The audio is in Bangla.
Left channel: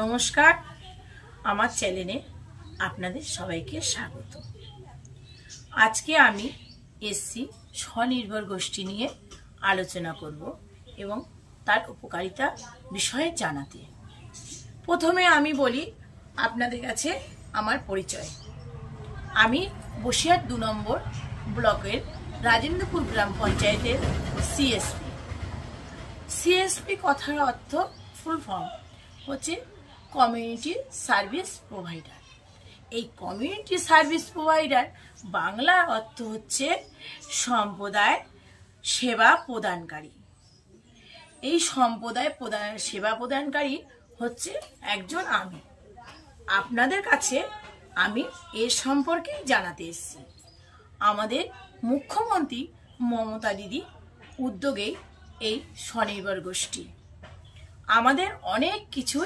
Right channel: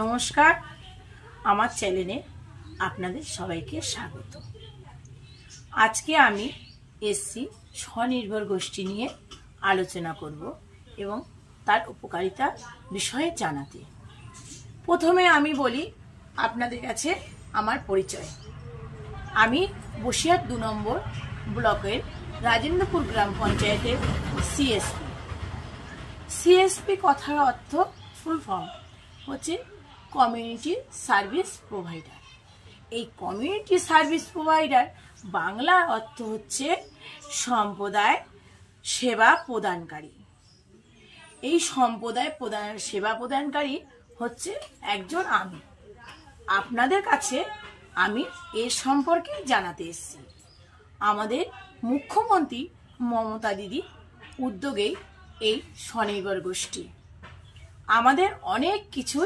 নমস্কার, আমার চ্যানেলে আপনাদের সবাইকে স্বাগত। আজকে আমি এসছি স্বনির্ভর গোষ্ঠী নিয়ে আলোচনা করব এবং তার উপকারিতা বিষয়ে জানাতে। প্রথমে আমি বলি আপনাদের কাছে আমার পরিচয়। আমি বসিরহাট 2 নম্বর ব্লকের রাজেন্দ্রপুর গ্রাম পঞ্চায়েতের সিএসপি। সিএসপি কথার অর্থ ফুল ফর্ম হচ্ছে কমিউনিটি সার্ভিস প্রোভাইডার। এই কমিউনিটি সার্ভিস প্রোভাইডার বাংলার অর্থ হচ্ছে সম্প্রদায় সেবা প্রদানকারী। এই সম্প্রদায় সেবা প্রদানকারী হচ্ছে একজন আমি। আপনাদের কাছে আমি এর সম্পর্কে জানাতে এসেছি। আমাদের মুখ্যমন্ত্রী মমতা দিদি উদ্যোগে এই স্বনির্ভর গোষ্ঠী আমাদের অনেক কিছু